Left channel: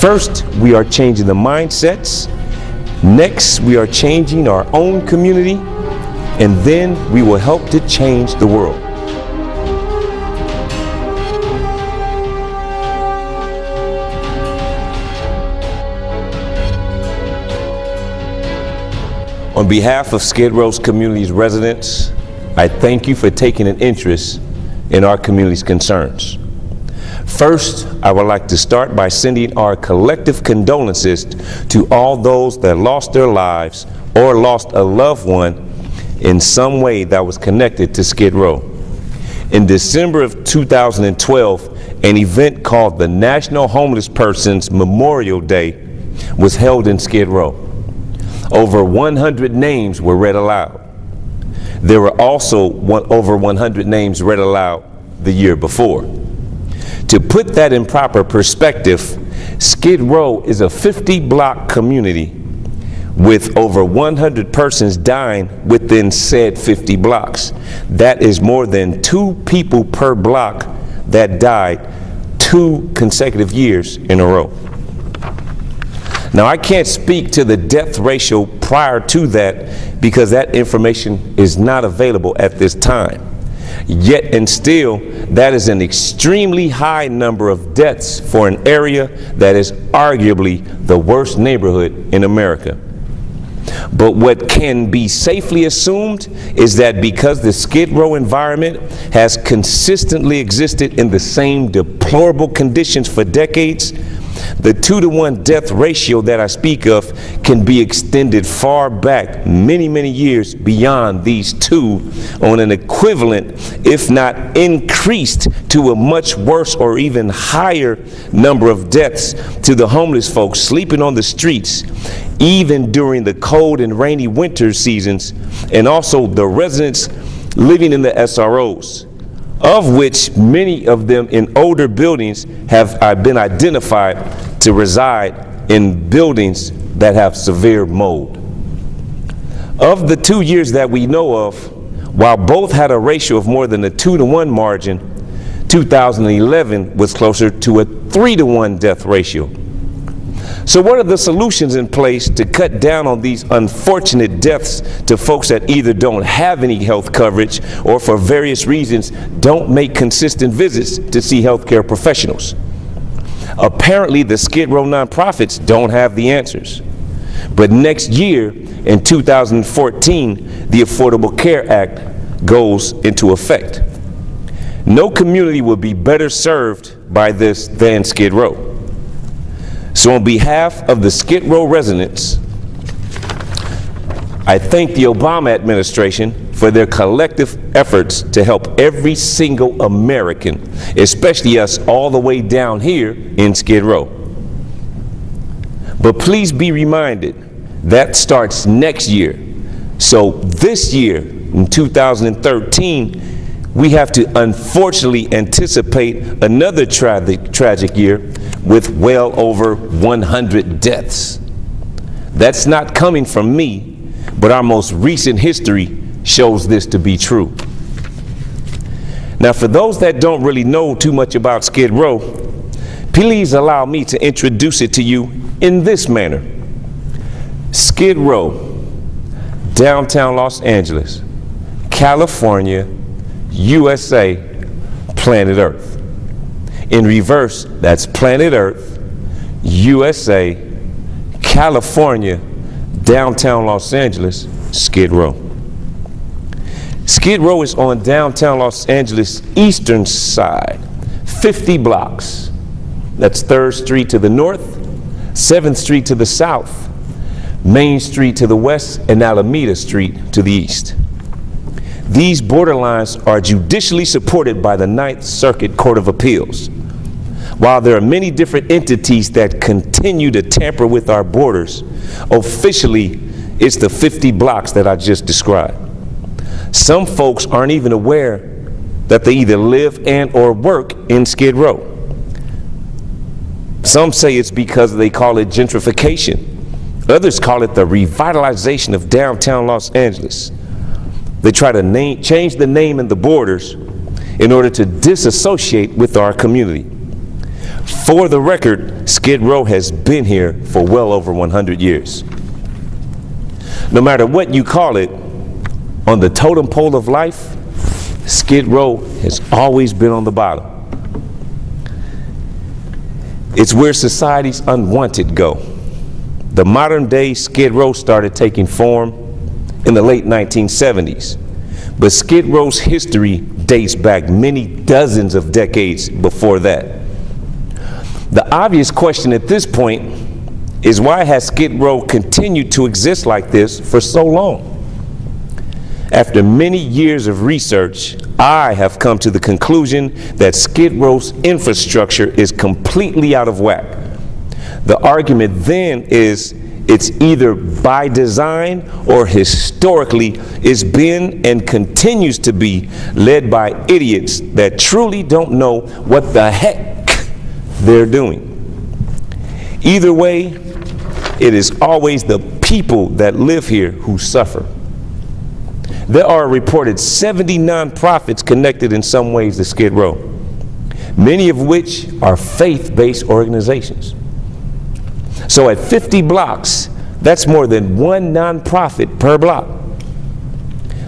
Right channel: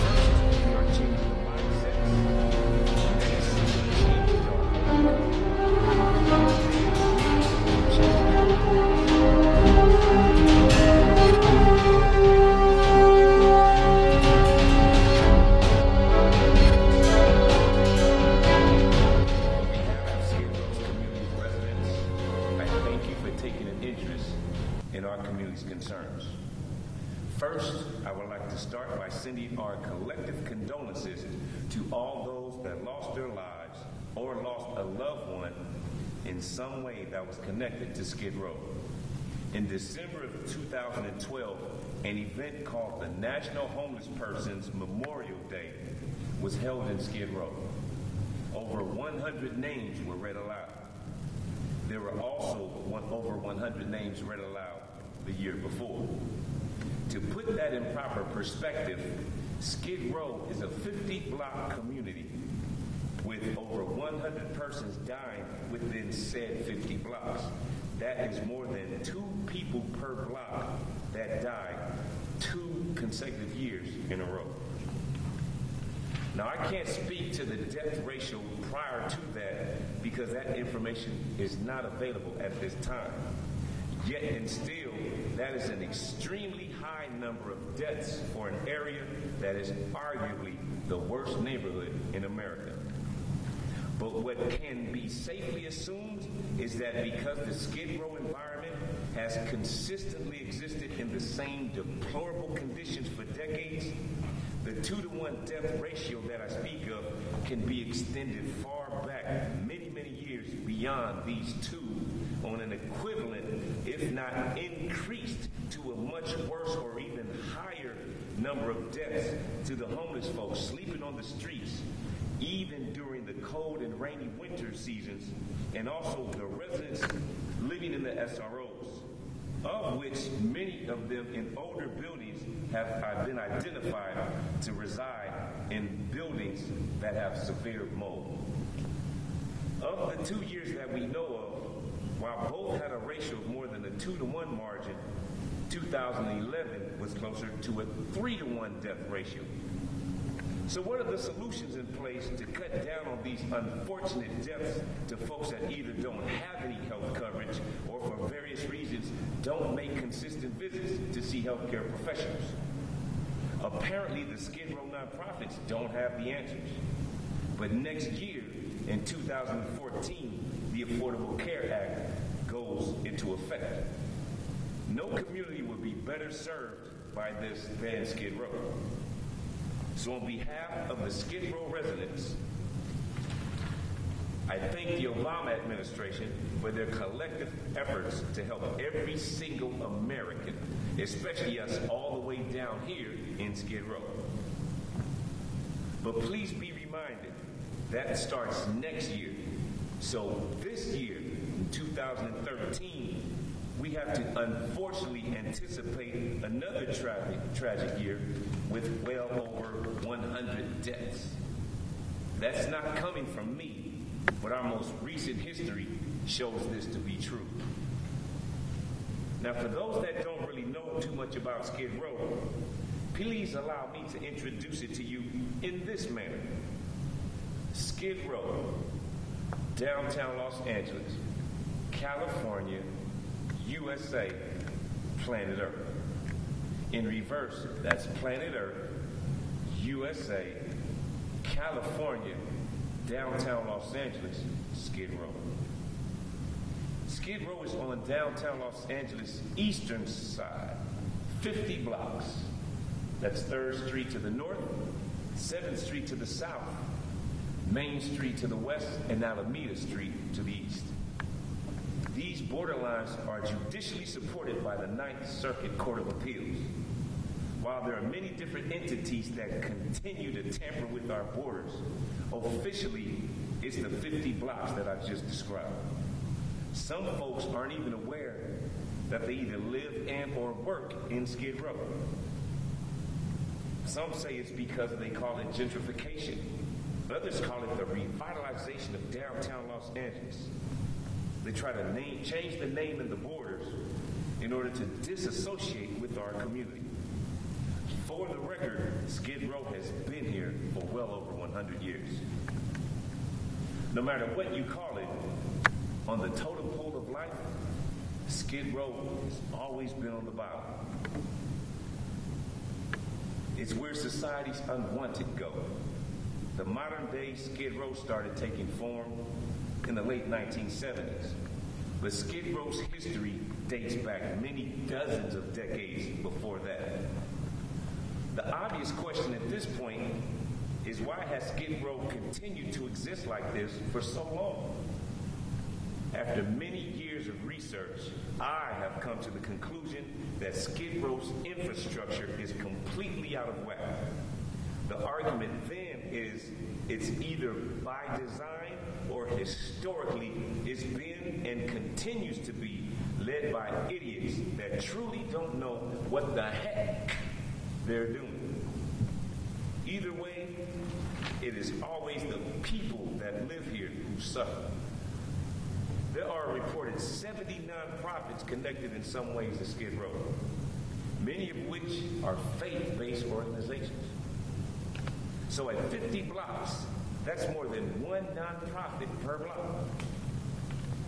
First, we are changing the mindsets. Next, we are changing our own community. And then we will help to change the world. On behalf of Skid Row's community's residents, I thank you for taking an interest in our community's concerns. First, I would like to start by sending our collective condolences to all those that lost their lives or lost a loved one in some way that was connected to Skid Row. In December of 2012, an event called the National Homeless Persons Memorial Day was held in Skid Row. Over 100 names were read aloud. There were also over 100 names read aloud the year before. To put that in proper perspective, Skid Row is a 50-block community with over 100 persons dying within said 50 blocks. That is more than 2 people per block that died 2 consecutive years in a row. Now, I can't speak to the death ratio prior to that because that information is not available at this time. Yet and still, that is an extremely high number of deaths for an area that is arguably the worst neighborhood in America. But what can be safely assumed is that because the Skid Row environment has consistently existed in the same deplorable conditions for decades, the 2-to-1 death ratio that I speak of can be extended far back many, many years beyond these 2 on an equivalent, if not increased to a much worse or even higher number of deaths to the homeless folks sleeping on the streets, even during the cold and rainy winter seasons, and also the residents living in the SROs, of which many of them in older buildings have been identified to reside in buildings that have severe mold. Of the 2 years that we know of, while both had a ratio of more than a 2-to-1 margin, 2011 was closer to a 3-to-1 death ratio. So what are the solutions in place to cut down on these unfortunate deaths to folks that either don't have any health coverage or for various reasons don't make consistent visits to see healthcare professionals? Apparently, the Skid Row nonprofits don't have the answers. But next year, in 2014, the Affordable Care Act goes into effect. No community will be better served by this than Skid Row. So on behalf of the Skid Row residents, I thank the Obama administration for their collective efforts to help every single American, especially us all the way down here in Skid Row. But please be reminded, that starts next year. So this year, in 2013, we have to unfortunately anticipate another tragic year with well over 100 deaths. That's not coming from me, but our most recent history shows this to be true. Now, for those that don't really know too much about Skid Row, please allow me to introduce it to you in this manner. Skid Row, downtown Los Angeles, California, USA, planet Earth. In reverse, that's planet Earth, USA, California, downtown Los Angeles, Skid Row. Skid Row is on downtown Los Angeles eastern side, 50 blocks. That's 3rd Street to the north, 7th Street to the south, Main Street to the west, and Alameda Street to the east. These borderlines are judicially supported by the 9th Circuit Court of Appeals. While there are many different entities that continue to tamper with our borders, officially it's the 50 blocks that I just described. Some folks aren't even aware that they either live and or work in Skid Row. Some say it's because they call it gentrification. Others call it the revitalization of downtown Los Angeles. They try to change the name and the borders in order to disassociate with our community. For the record, Skid Row has been here for well over 100 years. No matter what you call it, on the totem pole of life, Skid Row has always been on the bottom. It's where society's unwanted go. The modern day Skid Row started taking form in the late 1970s, but Skid Row's history dates back many dozens of decades before that. The obvious question at this point is, why has Skid Row continued to exist like this for so long? After many years of research, I have come to the conclusion that Skid Row's infrastructure is completely out of whack. The argument then is it's either by design or historically it's been and continues to be led by idiots that truly don't know what the heck they're doing. Either way, it is always the people that live here who suffer. There are reported 70 nonprofits connected in some ways to Skid Row, many of which are faith-based organizations. So at 50 blocks, that's more than one nonprofit per block.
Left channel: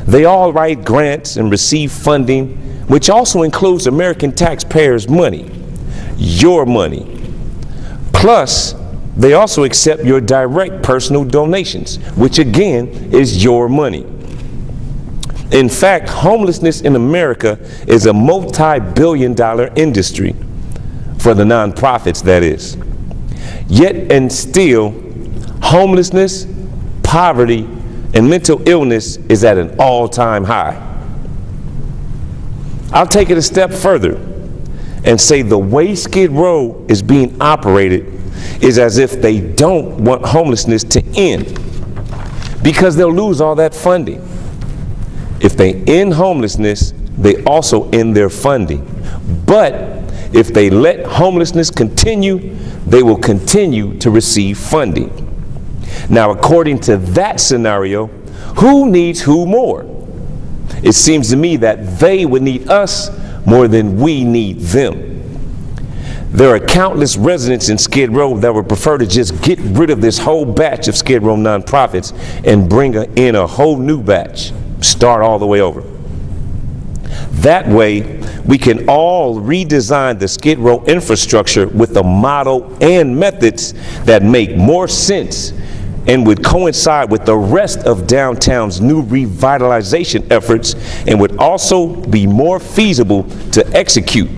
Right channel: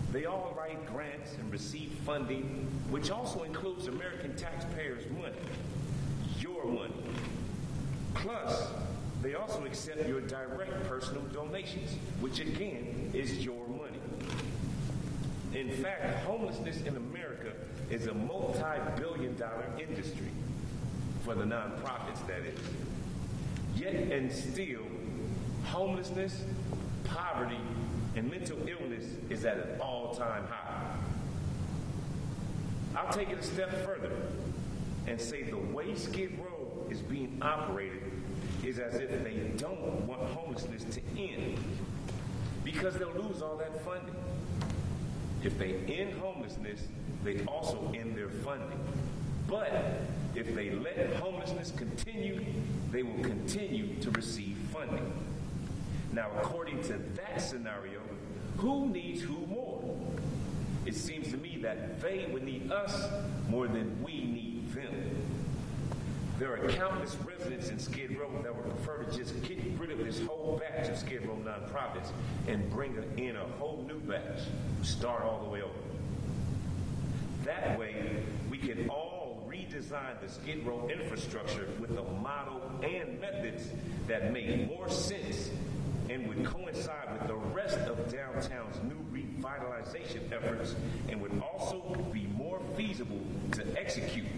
They all write grants and receive funding, which also includes American taxpayers' money, your money. Plus, they also accept your direct personal donations, which again is your money. In fact, homelessness in America is a multi-billion-dollar industry, for the nonprofits, that is. Yet and still, homelessness, poverty, and mental illness is at an all-time high. I'll take it a step further and say the way Skid Row is being operated is as if they don't want homelessness to end, because they'll lose all that funding. If they end homelessness, they also end their funding. But if they let homelessness continue, they will continue to receive funding. Now, according to that scenario, who needs who more? It seems to me that they would need us more than we need them. There are countless residents in Skid Row that would prefer to just get rid of this whole batch of Skid Row nonprofits and bring in a whole new batch. Start all the way over. That way, we can all redesign the Skid Row infrastructure with a model and methods that make more sense and would coincide with the rest of downtown's new revitalization efforts, and would also be more feasible to execute,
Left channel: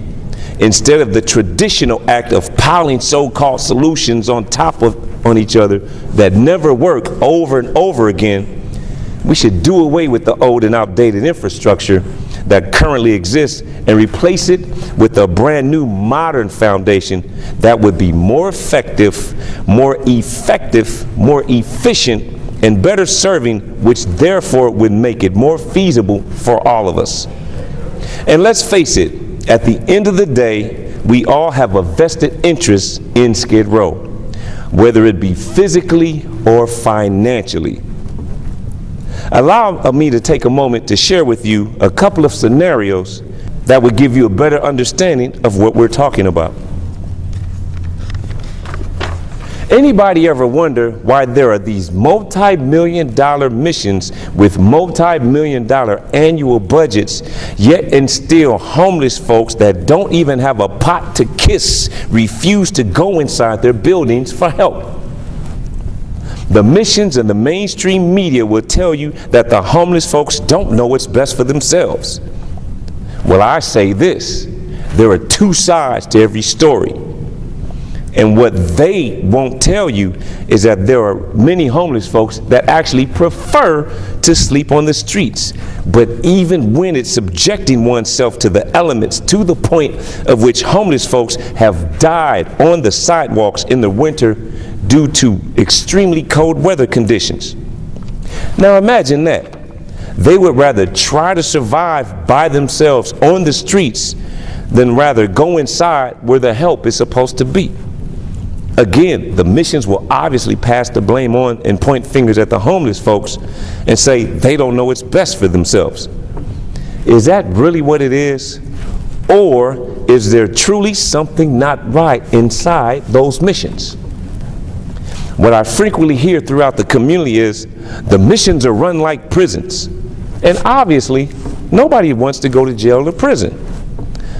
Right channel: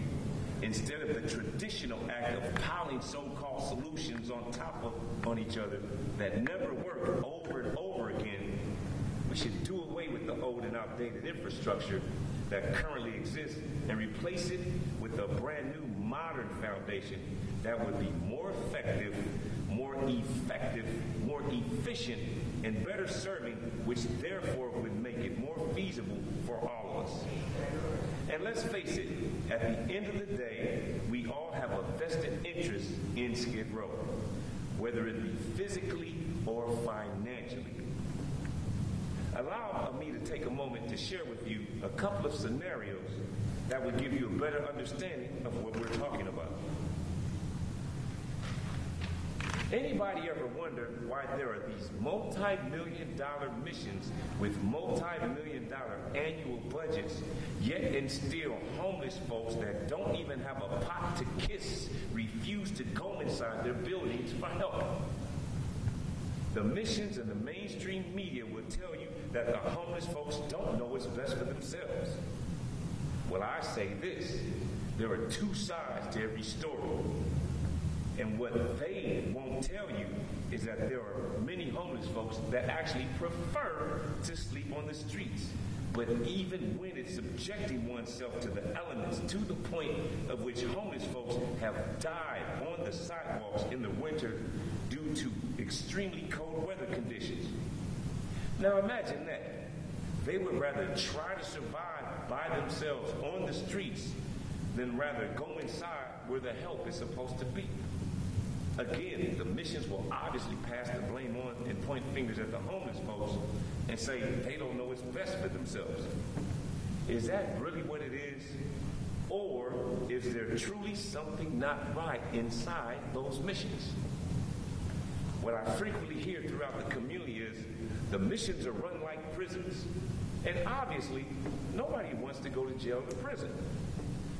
instead of the traditional act of piling so-called solutions on top of each other that never work over and over again. We should do away with the old and outdated infrastructure that currently exists and replace it with a brand new modern foundation that would be more effective, more efficient, and better serving, which therefore would make it more feasible for all of us. And let's face it, at the end of the day, we all have a vested interest in Skid Row, whether it be physically or financially. Allow me to take a moment to share with you a couple of scenarios that would give you a better understanding of what we're talking about. Anybody ever wonder why there are these multi-million-dollar missions with multi-million-dollar annual budgets, yet and still homeless folks that don't even have a pot to kiss refuse to go inside their buildings for help? The missions and the mainstream media will tell you that the homeless folks don't know what's best for themselves. Well, I say this: there are two sides to every story. And what they won't tell you is that there are many homeless folks that actually prefer to sleep on the streets. But even when it's subjecting oneself to the elements, to the point of which homeless folks have died on the sidewalks in the winter due to extremely cold weather conditions. Now imagine that. They would rather try to survive by themselves on the streets than rather go inside where the help is supposed to be. Again, the missions will obviously pass the blame on and point fingers at the homeless folks and say they don't know what's best for themselves. Is that really what it is? Or is there truly something not right inside those missions? What I frequently hear throughout the community is the missions are run like prisons. And obviously, nobody wants to go to jail or prison.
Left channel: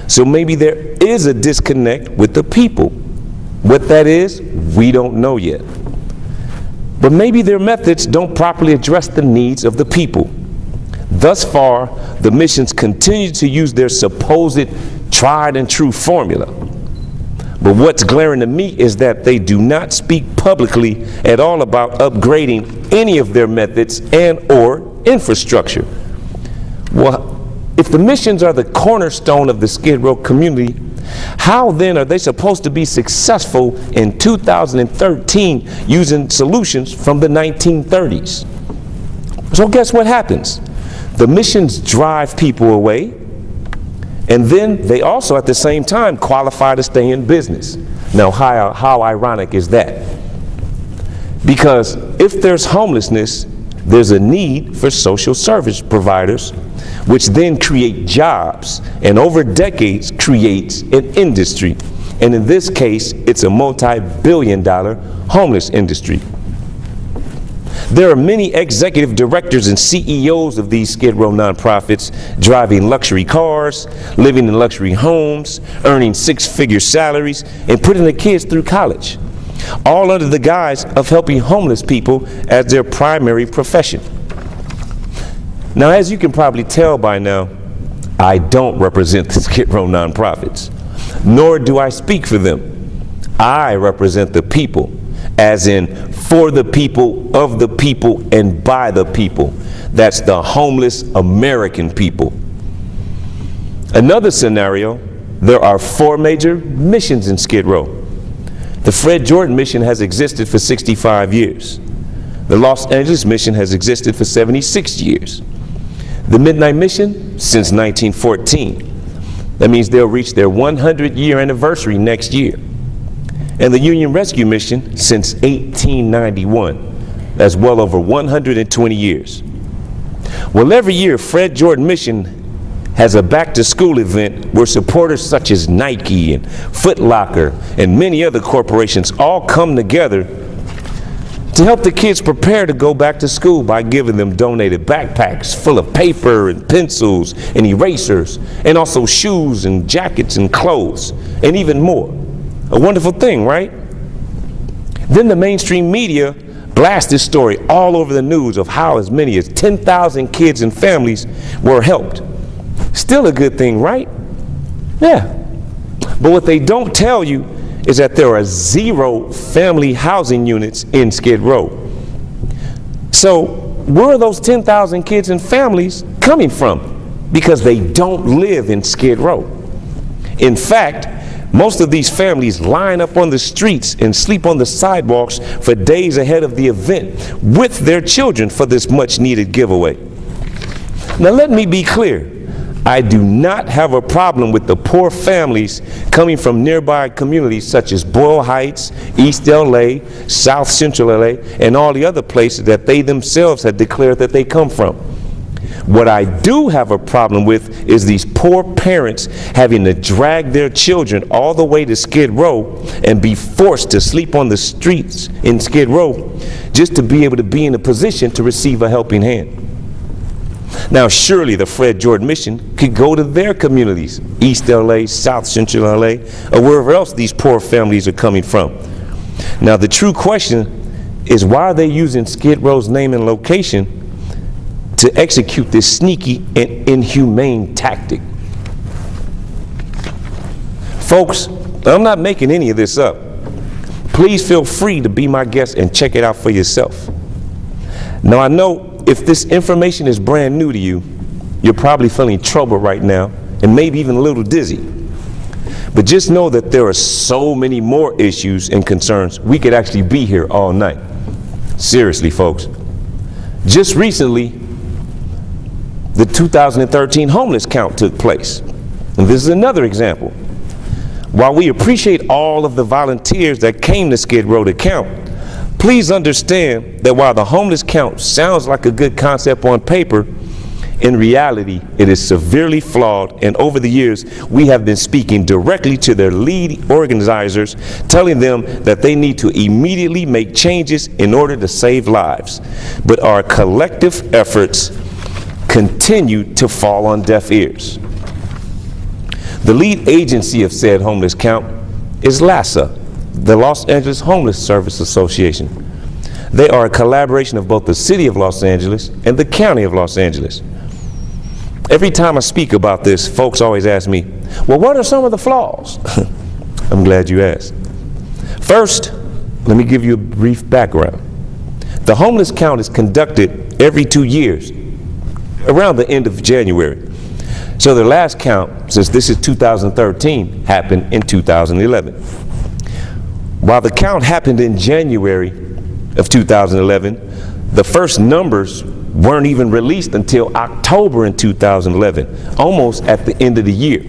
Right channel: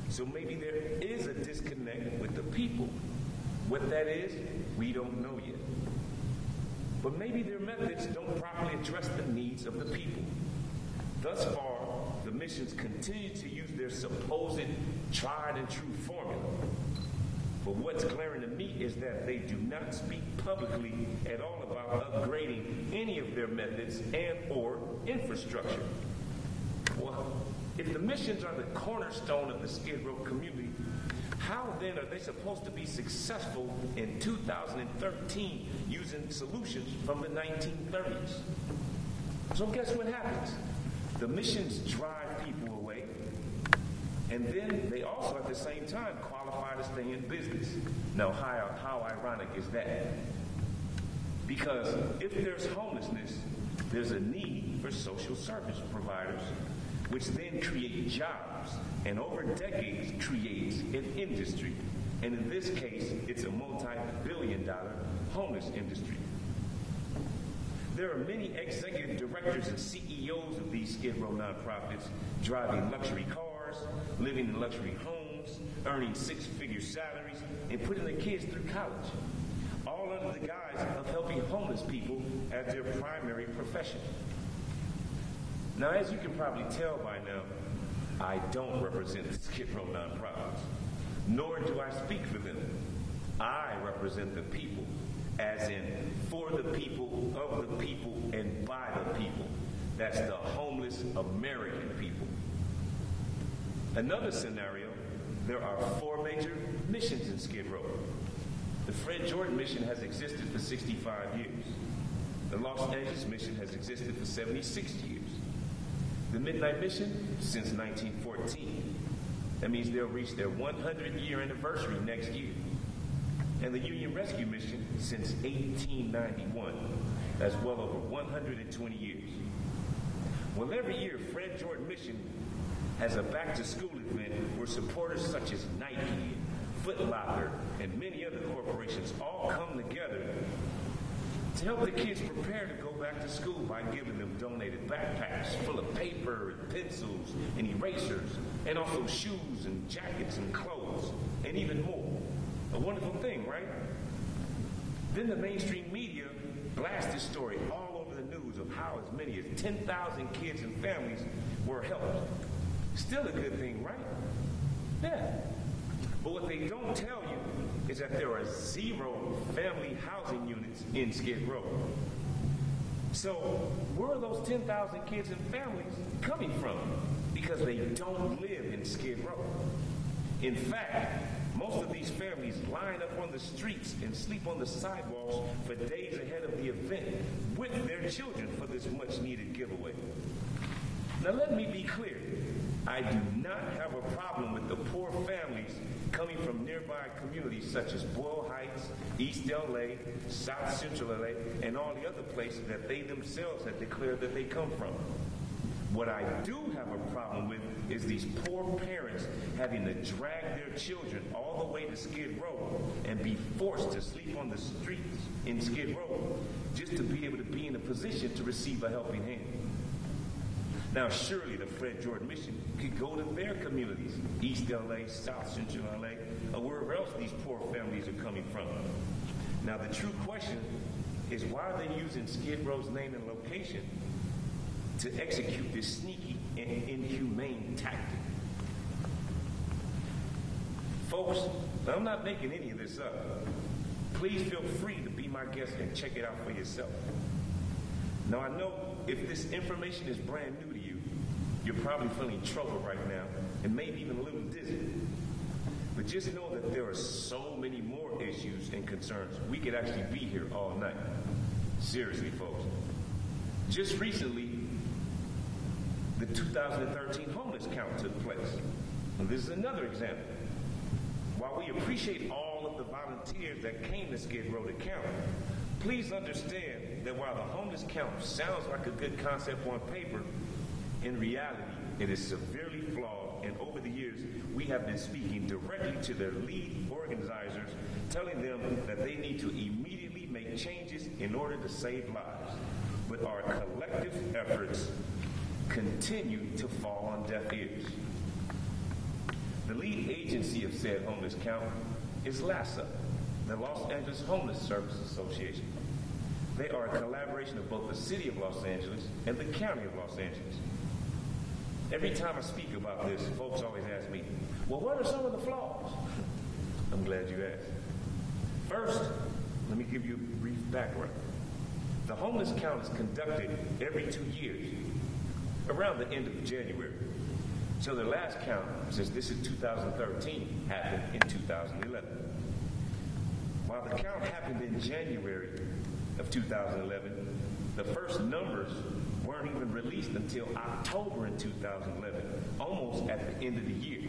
So maybe there is a disconnect with the people. What that is, we don't know yet. But maybe their methods don't properly address the needs of the people. Thus far, the missions continue to use their supposed tried and true formula. But what's glaring to me is that they do not speak publicly at all about upgrading any of their methods and or infrastructure. Well, if the missions are the cornerstone of the Skid Row community, how then are they supposed to be successful in 2013 using solutions from the 1930s? So guess what happens? The missions drive people away, and then they also at the same time qualify to stay in business. Now, how ironic is that? Because if there's homelessness, there's a need for social service providers, which then create jobs, and over decades creates an industry. And in this case, it's a multi-billion-dollar homeless industry. There are many executive directors and CEOs of these Skid Row nonprofits driving luxury cars, living in luxury homes, earning six-figure salaries, and putting their kids through college, all under the guise of helping homeless people as their primary profession. Now, as you can probably tell by now, I don't represent the Skid Row nonprofits, nor do I speak for them. I represent the people, as in for the people, of the people, and by the people. That's the homeless American people. Another scenario, there are 4 major missions in Skid Row. The Fred Jordan mission has existed for 65 years. The Los Angeles mission has existed for 76 years. The Midnight Mission since 1914. That means they'll reach their 100-year anniversary next year. And the Union Rescue Mission since 1891. That's well over 120 years. Well, every year, Fred Jordan Mission has a back-to-school event where supporters such as Nike and Foot Locker and many other corporations all come together to help the kids prepare to go back to school by giving them donated backpacks full of paper and pencils and erasers, and also shoes and jackets and clothes, and even more. A wonderful thing, right? Then the mainstream media blast this story all over the news of how as many as 10,000 kids and families were helped. Still a good thing, right? Yeah. But what they don't tell you is that there are 0 family housing units in Skid Row. So where are those 10,000 kids and families coming from? Because they don't live in Skid Row. In fact, most of these families line up on the streets and sleep on the sidewalks for days ahead of the event with their children for this much needed giveaway. Now let me be clear. I do not have a problem with the poor families coming from nearby communities such as Boyle Heights, East LA, South Central LA, and all the other places that they themselves had declared that they come from. What I do have a problem with is these poor parents having to drag their children all the way to Skid Row and be forced to sleep on the streets in Skid Row just to be able to be in a position to receive a helping hand. Now, surely the Fred Jordan Mission could go to their communities, East LA, South Central LA, or wherever else these poor families are coming from. Now, the true question is, why are they using Skid Row's name and location to execute this sneaky and inhumane tactic? Folks, I'm not making any of this up. Please feel free to be my guest and check it out for yourself. Now, I know if this information is brand new to you, you're probably feeling trouble right now and maybe even a little dizzy. But just know that there are so many more issues and concerns, we could actually be here all night. Seriously, folks. Just recently, the 2013 homeless count took place. And this is another example. While we appreciate all of the volunteers that came to Skid Row to count, please understand that while the homeless count sounds like a good concept on paper, In reality, it is severely flawed, and over the years, we have been speaking directly to their lead organizers, telling them that they need to immediately make changes in order to save lives. But our collective efforts continue to fall on deaf ears. The lead agency of said homeless count is LAHSA, the Los Angeles Homeless Service Association. They are a collaboration of both the City of Los Angeles and the County of Los Angeles. Every time I speak about this, folks always ask me, well, what are some of the flaws? I'm glad you asked. First, let me give you a brief background. The homeless count is conducted every 2 years, around the end of January. So the last count, since this is 2013, happened in 2011. While the count happened in January of 2011, the first numbers weren't even released until October in 2011, almost at the end of the year.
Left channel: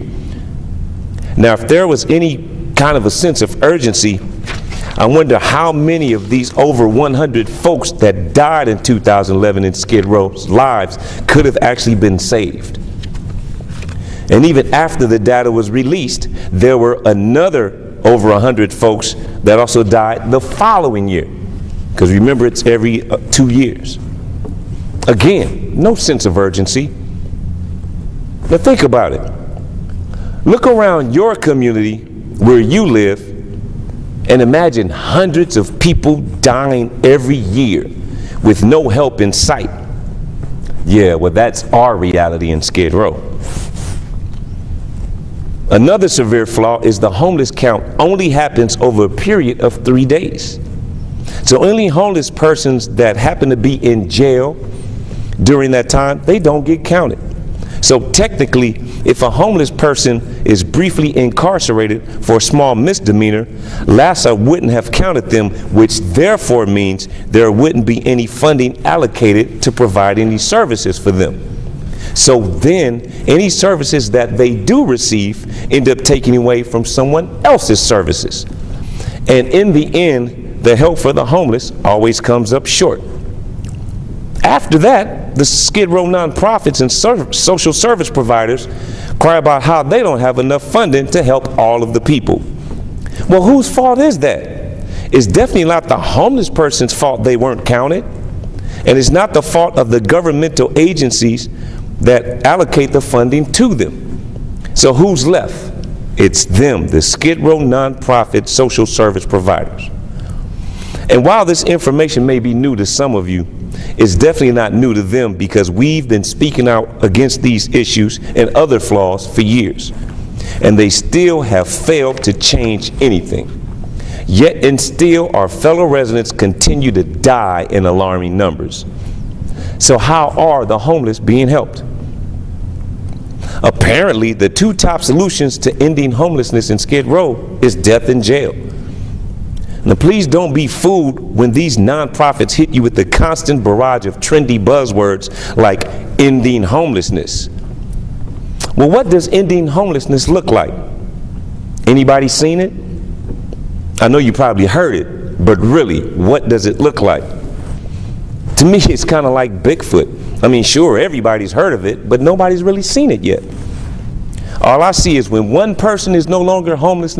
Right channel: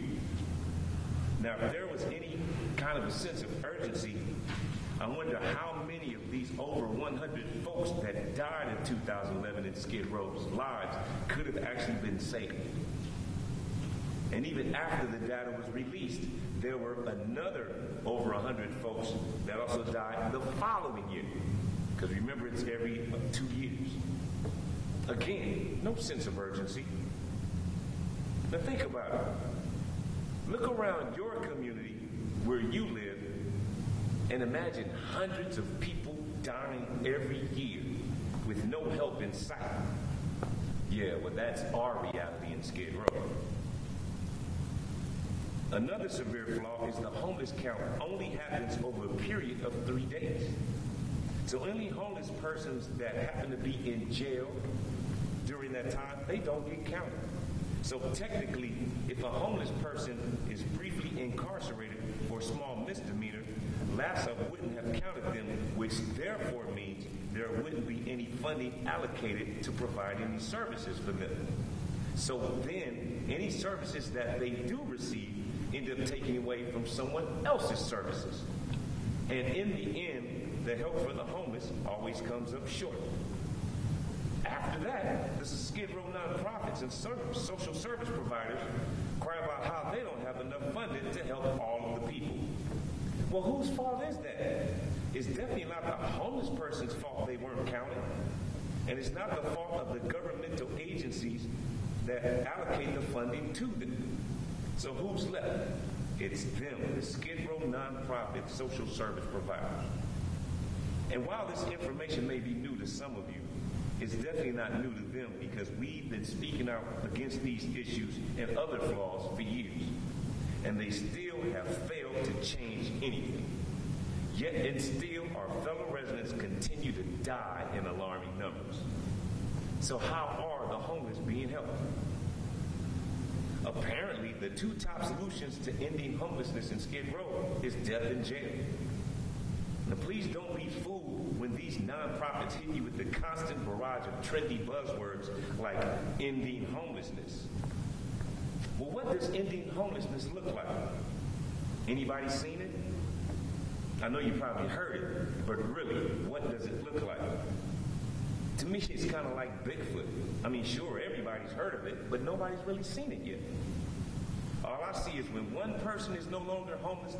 Now, if there was any kind of a sense of urgency, I wonder how many of these over 100 folks that died in 2011 in Skid Row's lives could have actually been saved. And even after the data was released, there were another over 100 folks that also died the following year. Because remember, it's every 2 years. Again, no sense of urgency. Now think about it. Look around your community where you live and imagine hundreds of people dying every year with no help in sight. Yeah, well, that's our reality in Skid Row. Another severe flaw is the homeless count only happens over a period of 3 days. So only homeless persons that happen to be in jail during that time, they don't get counted. So technically, if a homeless person is briefly incarcerated for a small misdemeanor, LAHSA wouldn't have counted them, which therefore means there wouldn't be any funding allocated to provide any services for them. So then, any services that they do receive end up taking away from someone else's services. And in the end, the help for the homeless always comes up short. After that, the Skid Row nonprofits and social service providers cry about how they don't have enough funding to help all of the people. Well, whose fault is that? It's definitely not the homeless person's fault they weren't counted, and it's not the fault of the governmental agencies that allocate the funding to them. So who's left? It's them, the Skid Row nonprofit social service providers. And while this information may be new to some of you, it's definitely not new to them, because we've been speaking out against these issues and other flaws for years. And they still have failed to change anything. Yet and still our fellow residents continue to die in alarming numbers. So how are the homeless being helped? Apparently, the two top solutions to ending homelessness in Skid Row is death in jail. Now, please don't be fooled when these nonprofits hit you with the constant barrage of trendy buzzwords like ending homelessness. Well, what does ending homelessness look like? Anybody seen it? I know you probably heard it, but really, what does it look like? To me, it's kind of like Bigfoot. I mean, sure, everybody's heard of it, but nobody's really seen it yet. All I see is when one person is no longer homeless,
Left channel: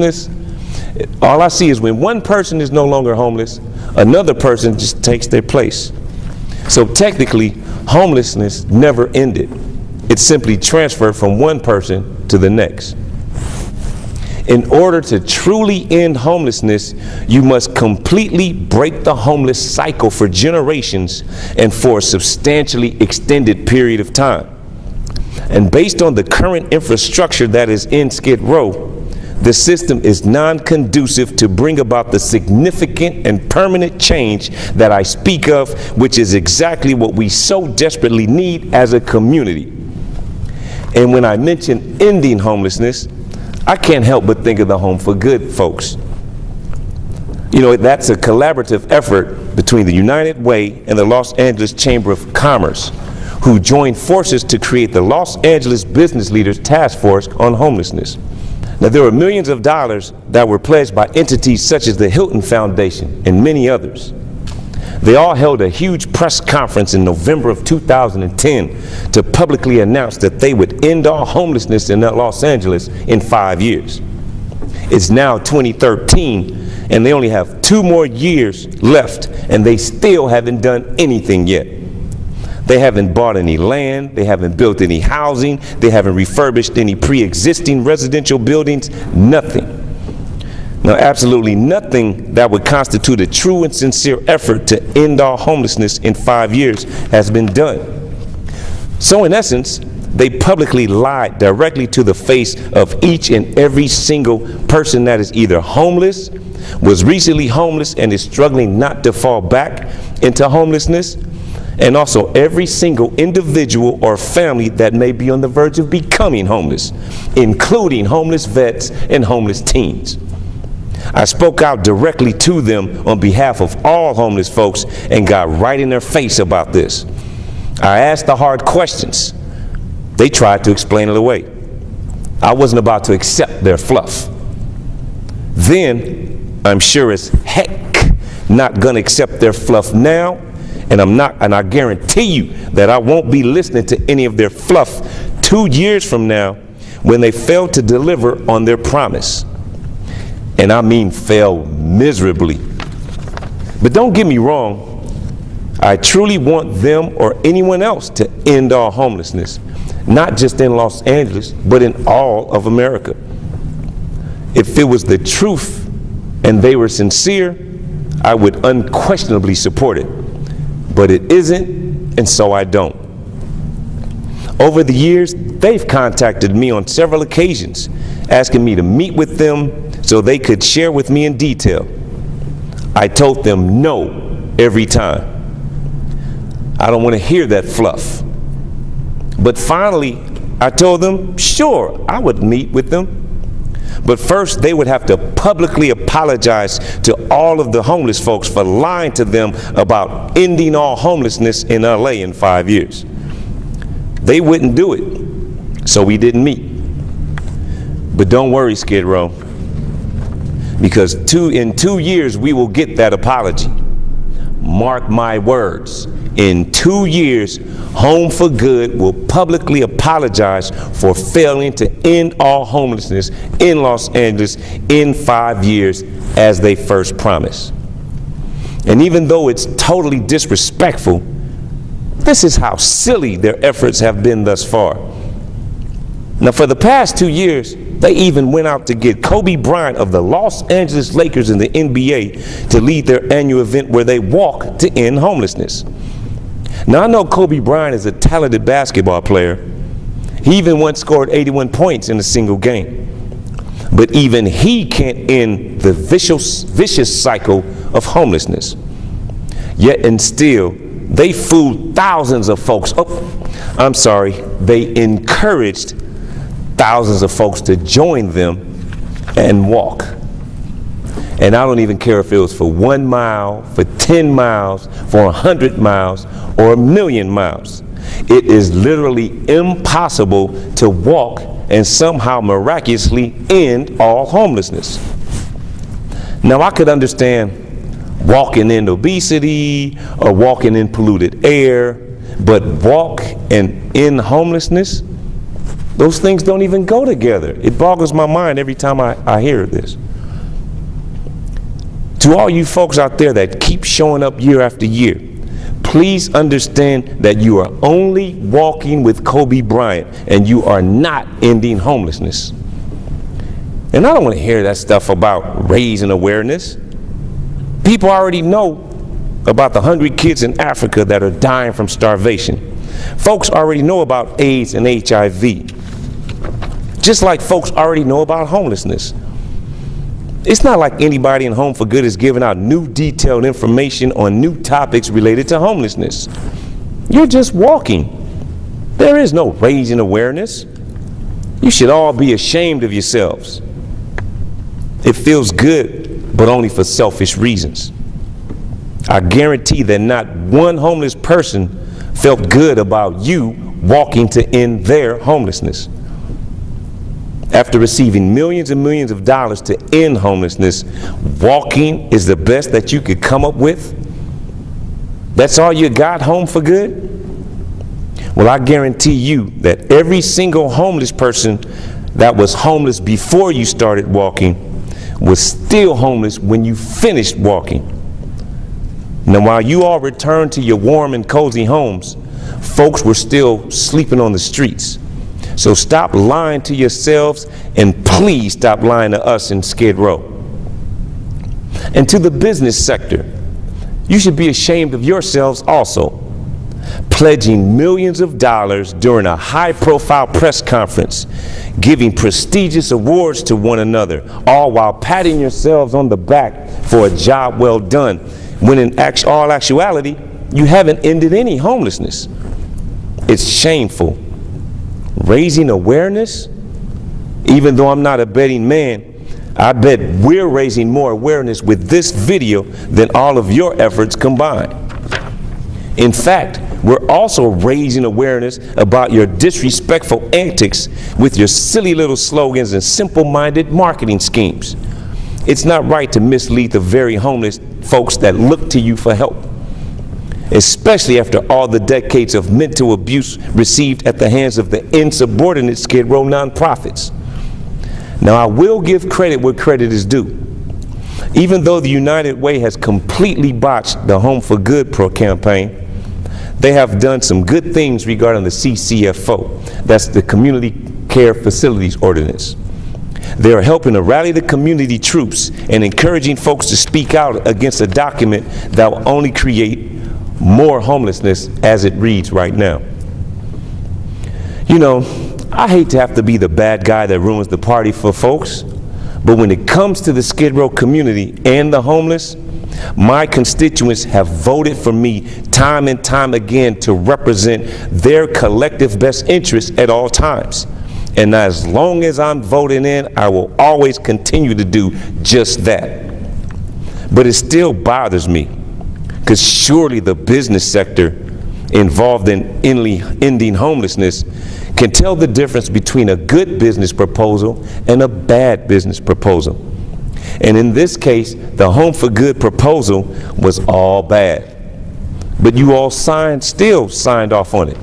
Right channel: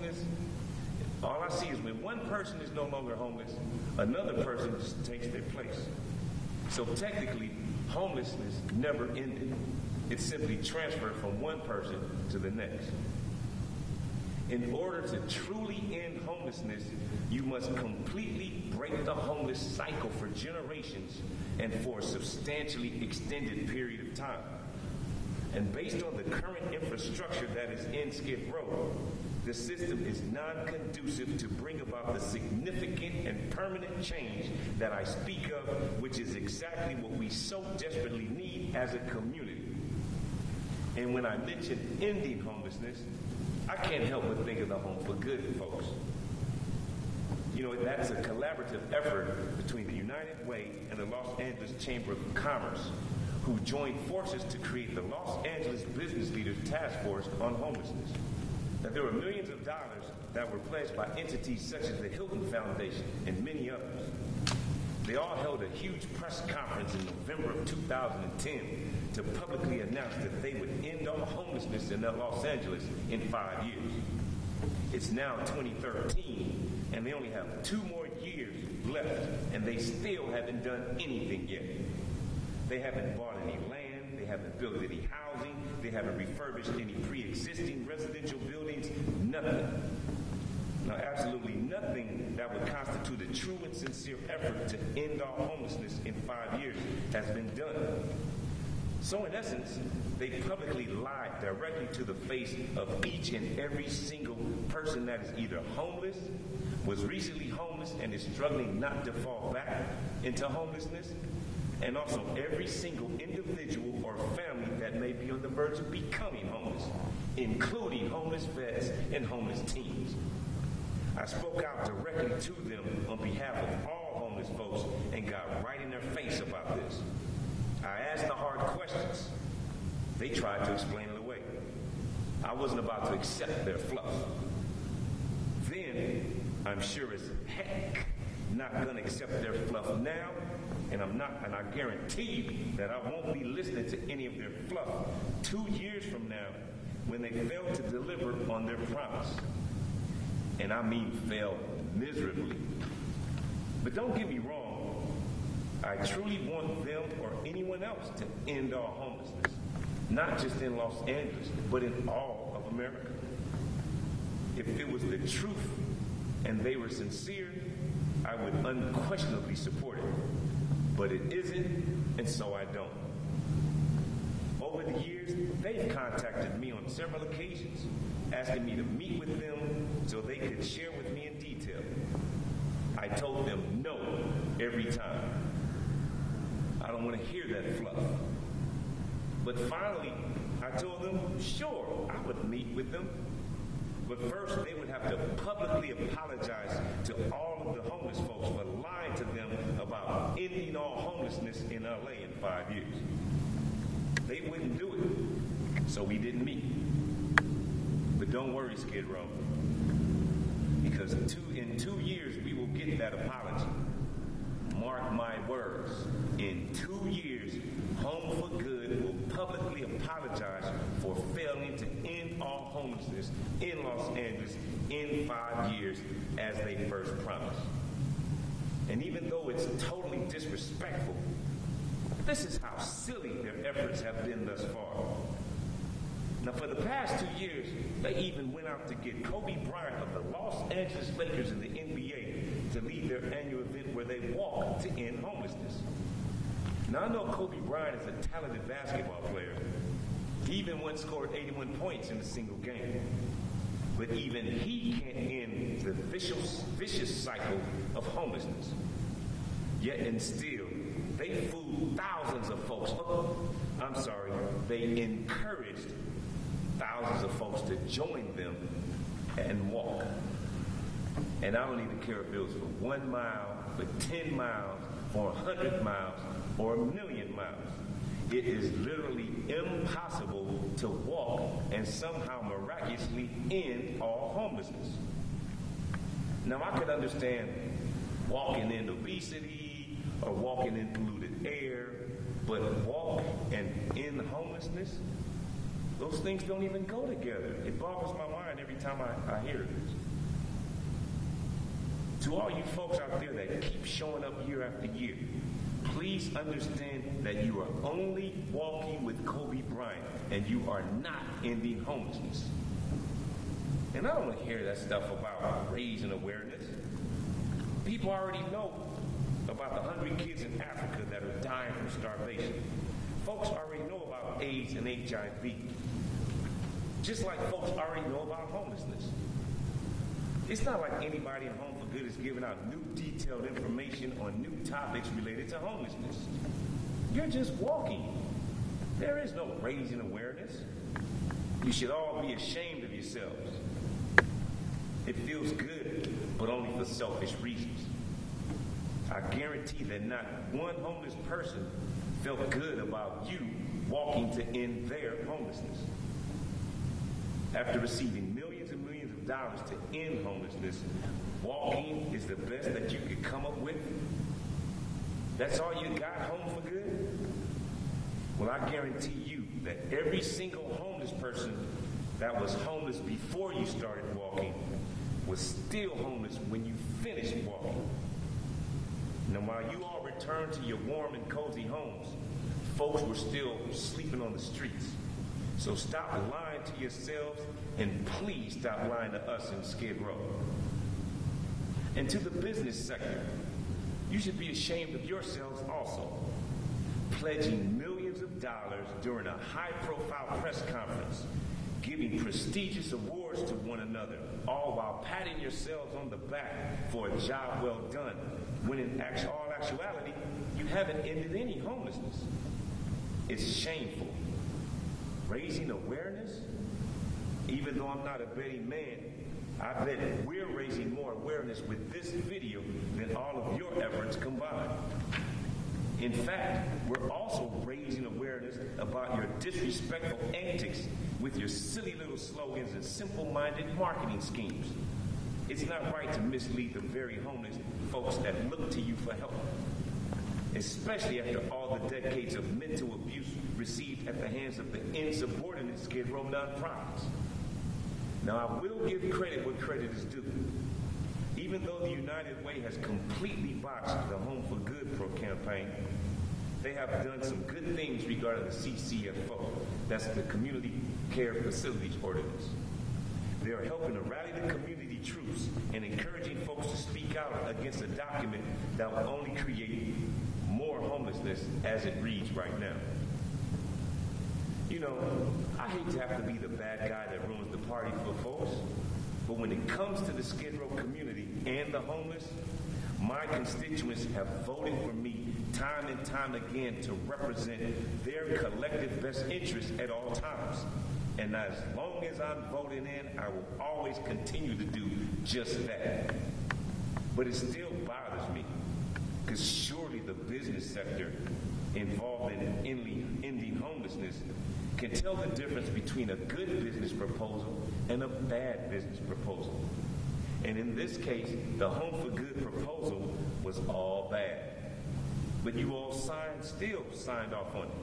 another person just takes their place. So technically, homelessness never ended. It simply transferred from one person to the next. In order to truly end homelessness, you must completely break the homeless cycle for generations and for a substantially extended period of time. And based on the current infrastructure that is in Skid Row, the system is non-conducive to bring about the significant and permanent change that I speak of, which is exactly what we so desperately need as a community. And when I mention ending homelessness, I can't help but think of the Home for Good folks. You know, that's a collaborative effort between the United Way and the Los Angeles Chamber of Commerce, who joined forces to create the Los Angeles Business Leaders Task Force on Homelessness. Now, there were millions of dollars that were pledged by entities such as the Hilton Foundation and many others. They all held a huge press conference in November of 2010 to publicly announce that they would end all homelessness in Los Angeles in 5 years. It's now 2013, and they only have 2 more years left, and they still haven't done anything yet. They haven't bought any land, they haven't built any housing, they haven't refurbished any pre-existing residential buildings, nothing. Now, absolutely nothing that would constitute a true and sincere effort to end all homelessness in 5 years has been done. So in essence, they publicly lied directly to the face of each and every single person that is either homeless, was recently homeless and is struggling not to fall back into homelessness, and also every single individual or family that may be on the verge of becoming homeless, including homeless vets and homeless teens. I spoke out directly to them on behalf of all homeless folks and got right in their face about this. I asked the hard questions. They tried to explain it away. I wasn't about to accept their fluff. Then, I'm sure as heck not gonna accept their fluff now, and I guarantee you that I won't be listening to any of their fluff 2 years from now when they fail to deliver on their promise. And I mean fail miserably. But don't get me wrong, I truly want them or anyone else to end all homelessness, not just in Los Angeles, but in all of America. If it was the truth and they were sincere, I would unquestionably support it. But it isn't, and so I don't. Over the years, they've contacted me on several occasions, asking me to meet with them so they could share with me in detail. I told them no every time. I don't want to hear that fluff. But finally, I told them, sure, I would meet with them. But first, they would have to publicly apologize to all of the homeless folks for lying to them about ending all homelessness in LA in 5 years. They wouldn't do it, so we didn't meet. But don't worry, Skid Row, because in 2 years we will get that apology. Mark my words, in 2 years, Home for Good will publicly apologize for failing to end all homelessness in Los Angeles in 5 years as they first promised. And even though it's totally disrespectful, this is how silly their efforts have been thus far. Now, for the past 2 years, they even went out to get Kobe Bryant of the Los Angeles Lakers in the NBA to lead their annual event where they walk to end homelessness. Now, I know Kobe Bryant is a talented basketball player. He even once scored 81 points in a single game. But even he can't end the vicious cycle of homelessness. Yet and still, they fooled thousands of folks. They encouraged thousands of folks to join them and walk. And I don't even care if it was for 1 mile, for 10 miles, for 100 miles, or 1,000,000 miles. It is literally impossible to walk and somehow miraculously end all homelessness. Now, I could understand walking in obesity or walking in polluted air, but walk and end homelessness, those things don't even go together. It boggles my mind every time I hear this. To all you folks out there that keep showing up year after year, please understand that you are only walking with Kobe Bryant and you are not ending homelessness. And I don't want to hear that stuff about raising awareness. People already know about the hungry kids in Africa that are dying from starvation. Folks already know about AIDS and HIV. Just like folks already know about homelessness. It's not like anybody in Home for Good is giving out new detailed information on new topics related to homelessness. You're just walking. There is no raising awareness. You should all be ashamed of yourselves. It feels good, but only for selfish reasons. I guarantee that not one homeless person felt good about you walking to end their homelessness. After receiving millions and millions of dollars to end homelessness, walking is the best that you could come up with? That's all you got, Home for Good? Well, I guarantee you that every single homeless person that was homeless before you started walking was still homeless when you finished walking. Now, while you all returned to your warm and cozy homes, folks were still sleeping on the streets. So stop lying to yourselves, and please stop lying to us in Skid Row. And to the business sector, you should be ashamed of yourselves also, pledging millions of dollars during a high-profile press conference, giving prestigious awards to one another, all while patting yourselves on the back for a job well done, when in all actuality, you haven't ended any homelessness. It's shameful. Raising awareness? Even though I'm not a betting man, I bet we're raising more awareness with this video than all of your efforts combined. In fact, we're also raising awareness about your disrespectful antics with your silly little slogans and simple-minded marketing schemes. It's not right to mislead the very homeless folks that look to you for help, especially after all the decades of mental abuse received at the hands of the insubordinate Skid Row nonprofits. Now, I will give credit where credit is due. Even though the United Way has completely botched the Home for Good campaign, they have done some good things regarding the CCFO. That's the Community Care Facilities Ordinance. They are helping to rally the community troops and encouraging folks to speak out against a document that will only create more homelessness as it reads right now. You know, I hate to have to be the bad guy that ruins the party for folks, but when it comes to the Skid Row community and the homeless, my constituents have voted for me time and time again to represent their collective best interests at all times. And as long as I'm voting in, I will always continue to do just that. But it still bothers me, because surely the business sector involved in ending homelessness can tell the difference between a good business proposal and a bad business proposal. And in this case, the Home for Good proposal was all bad. But you all still signed off on it.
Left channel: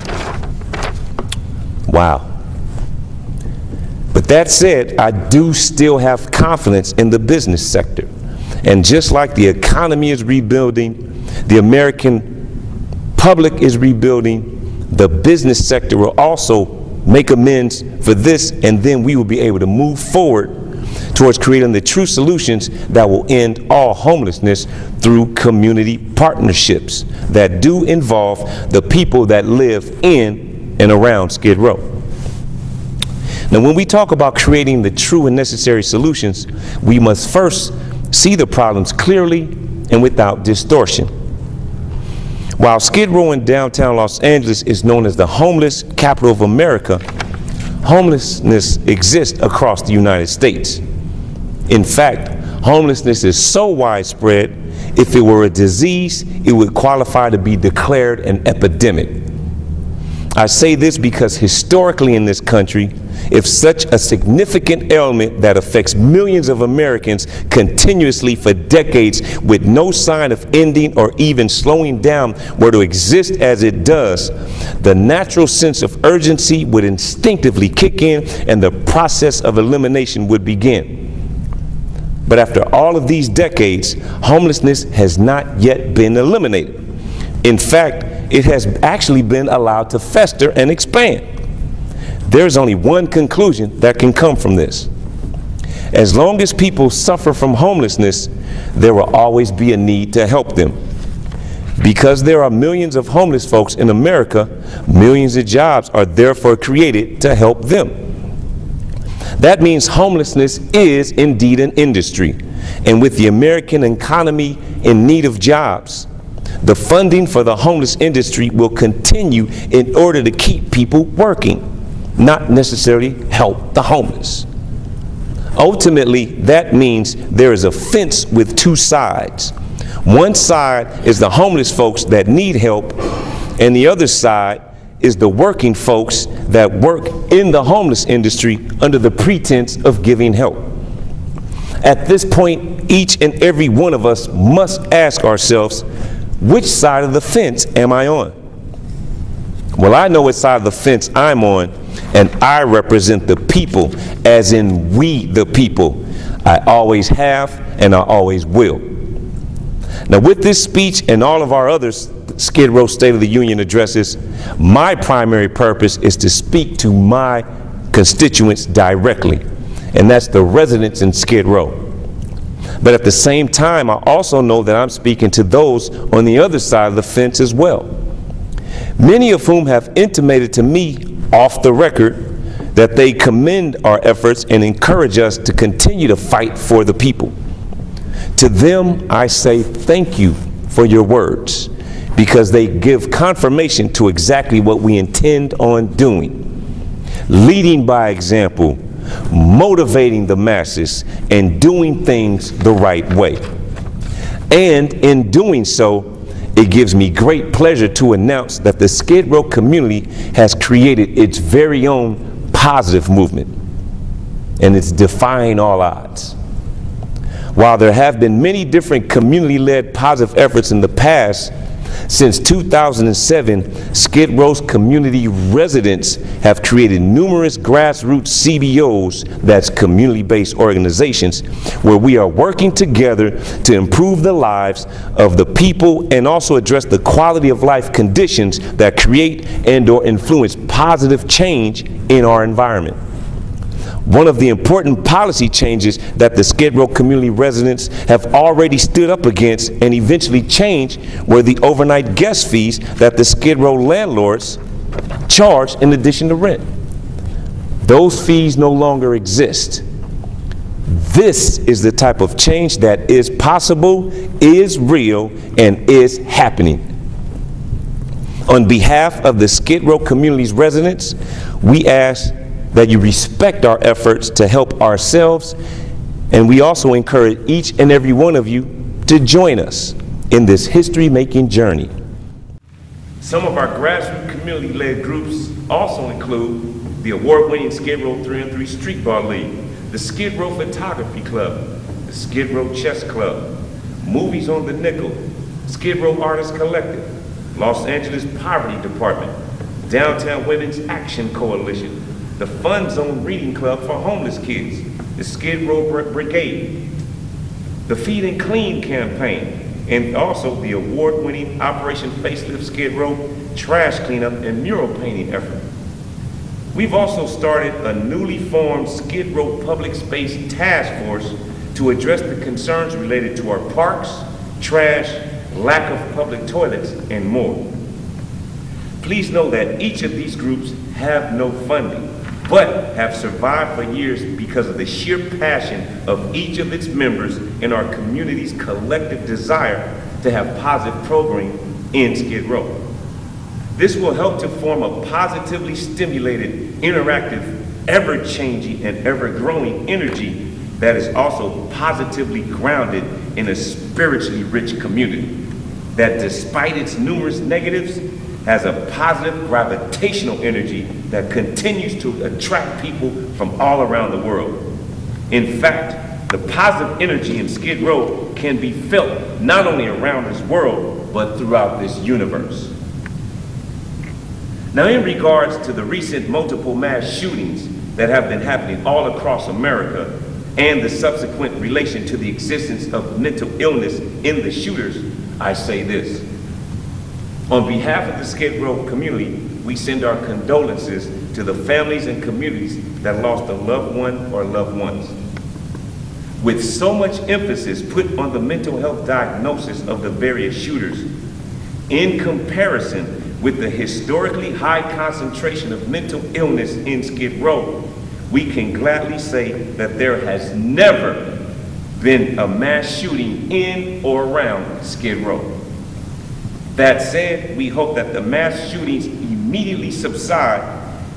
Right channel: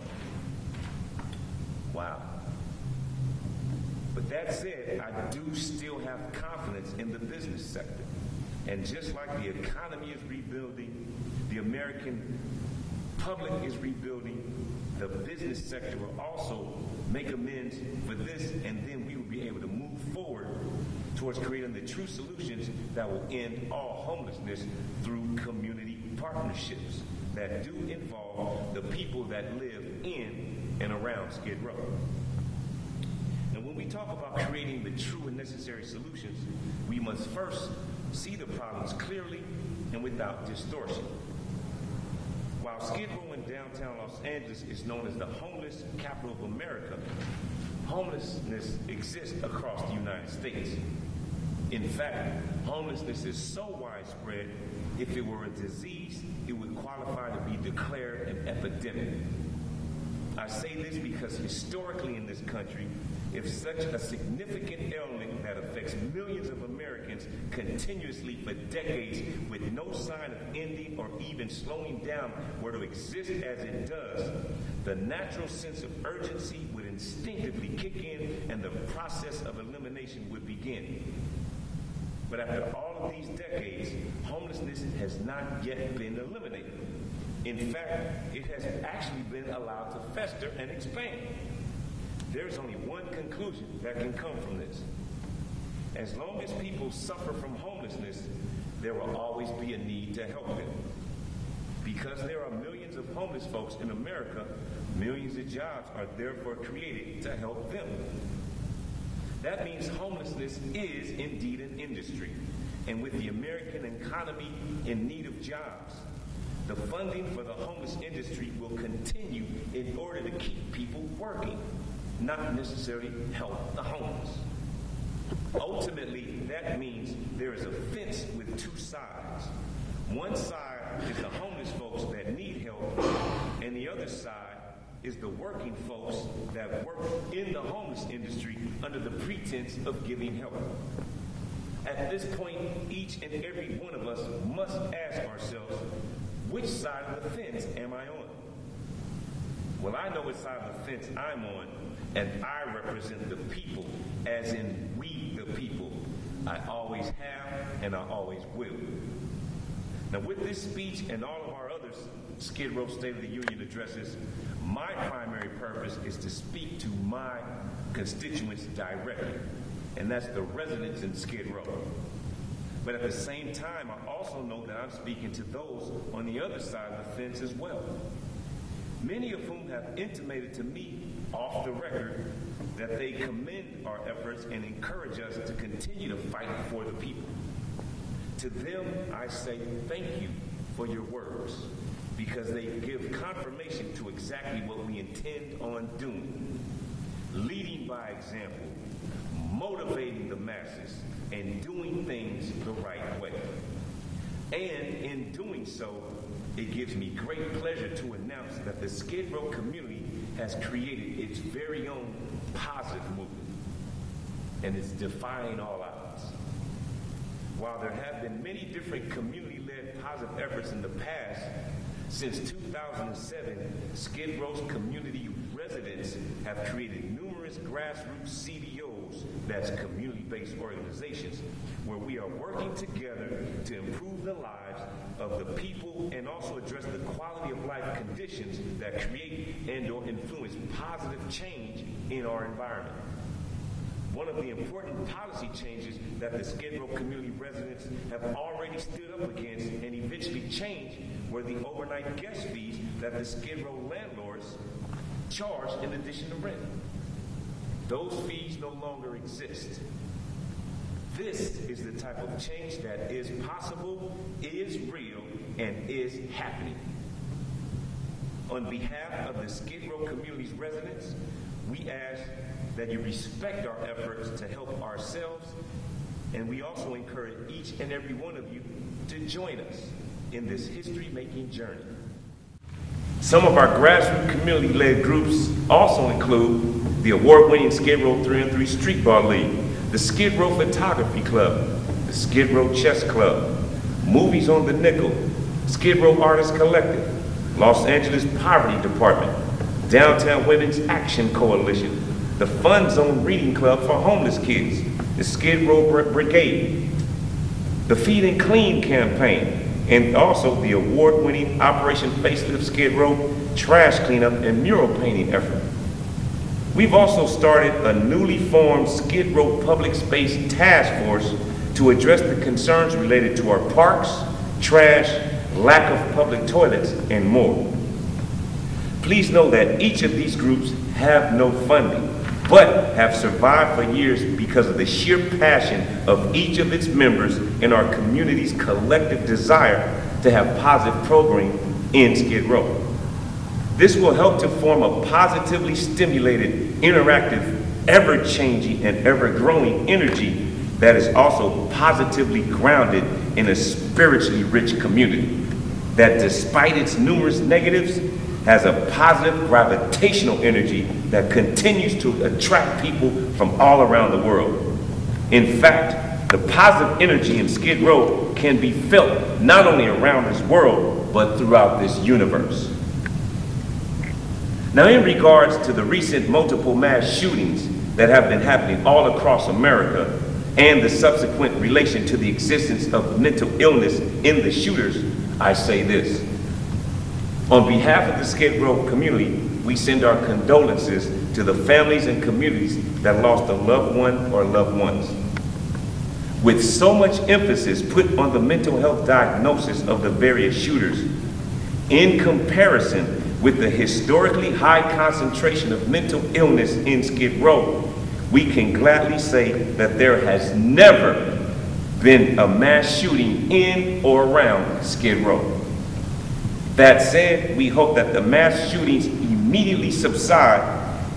Wow. But that said, I do still have confidence in the business sector. And just like the economy is rebuilding, the American public is rebuilding, the business sector will also make amends for this, and then we will be able to move forward towards creating the true solutions that will end all homelessness through community partnerships that do involve the people that live in and around Skid Row. Now, when we talk about creating the true and necessary solutions, we must first see the problems clearly and without distortion. While Skid Row in downtown Los Angeles is known as the homeless capital of America, homelessness exists across the United States. In fact, homelessness is so widespread, if it were a disease, it would qualify to be declared an epidemic. I say this because historically in this country, if such a significant ailment that affects millions of Americans continuously for decades with no sign of ending or even slowing down were to exist as it does, the natural sense of urgency would instinctively kick in and the process of elimination would begin. But after all of these decades, homelessness has not yet been eliminated. In fact, it has actually been allowed to fester and expand. There's only one conclusion that can come from this. As long as people suffer from homelessness, there will always be a need to help them. Because there are millions of homeless folks in America, millions of jobs are therefore created to help them. That means homelessness is indeed an industry. And with the American economy in need of jobs, the funding for the homeless industry will continue in order to keep people working, not necessarily help the homeless. Ultimately, that means there is a fence with two sides. One side is the homeless folks that need help, and the other side is the working folks that work in the homeless industry under the pretense of giving help. At this point, each and every one of us must ask ourselves, which side of the fence am I on? Well, I know which side of the fence I'm on, and I represent the people, as in we the people. I always have, and I always will. Now, with this speech and all of our other Skid Row State of the Union addresses, my primary purpose is to speak to my constituents directly, and that's the residents in Skid Row. But at the same time, I also know that I'm speaking to those on the other side of the fence as well, many of whom have intimated to me off the record that they commend our efforts and encourage us to continue to fight for the people. To them, I say thank you for your words, because they give confirmation to exactly what we intend on doing. Leading by example, motivating the masses, and doing things the right way. And in doing so, it gives me great pleasure to announce that the Skid Row community has created its very own positive movement, and it's defying all odds. While there have been many different community-led positive efforts in the past, since 2007, Skid Row's community residents have created numerous grassroots CBOs, that's community-based organizations, where we are working together to improve the lives of the people and also address the quality of life conditions that create and/or influence positive change in our environment. One of the important policy changes that the Skid Row community residents have already stood up against and eventually changed were the overnight guest fees that the Skid Row landlords charge in addition to rent. Those fees no longer exist. This is the type of change that is possible, is real, and is happening. On behalf of the Skid Row community's residents, we ask that you respect our efforts to help ourselves, and we also encourage each and every one of you to join us in this history-making journey. Some of our grassroots community-led groups also include the award-winning Skid Row 3-on-3 Street Ball League, the Skid Row Photography Club, the Skid Row Chess Club, Movies on the Nickel, Skid Row Artists Collective, Los Angeles Poverty Department, Downtown Women's Action Coalition, the Fun Zone Reading Club for homeless kids, the Skid Row Brigade, the Feed and Clean campaign, and also the award-winning Operation Facelift Skid Row trash cleanup and mural painting effort. We've also started a newly formed Skid Row Public Space Task Force to address the concerns related to our parks, trash, lack of public toilets, and more. Please know that each of these groups have no funding, but have survived for years because of the sheer passion of each of its members and our community's collective desire to have positive programming in Skid Row. This will help to form a positively stimulated, interactive, ever-changing, and ever-growing energy that is also positively grounded in a spiritually rich community that, despite its numerous negatives, has a positive gravitational energy that continues to attract people from all around the world. In fact, the positive energy in Skid Row can be felt not only around this world, but throughout this universe. Now, in regards to the recent multiple mass shootings that have been happening all across America and the subsequent relation to the existence of mental illness in the shooters, I say this. On behalf of the Skid Row community, we send our condolences to the families and communities that lost a loved one or loved ones. With so much emphasis put on the mental health diagnosis of the various shooters, in comparison with the historically high concentration of mental illness in Skid Row, we can gladly say that there has never been a mass shooting in or around Skid Row. That said, we hope that the mass shootings immediately subside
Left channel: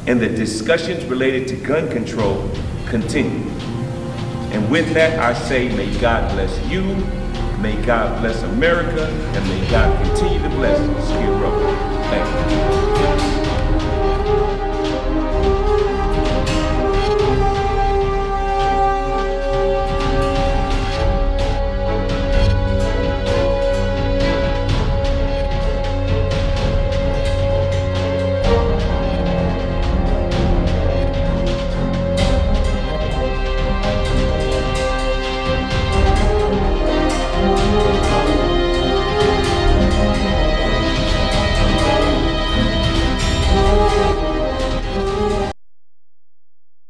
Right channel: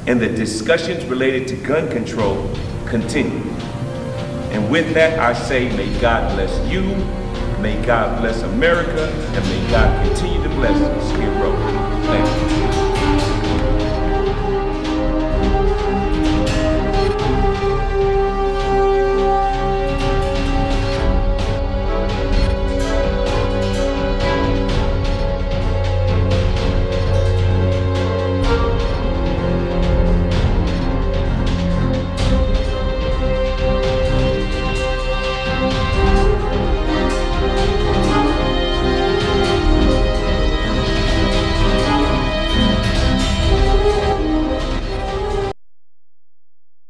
and the discussions related to gun control continue. And with that, I say, may God bless you, may God bless America, and may God continue to bless Skid Row. Thank you.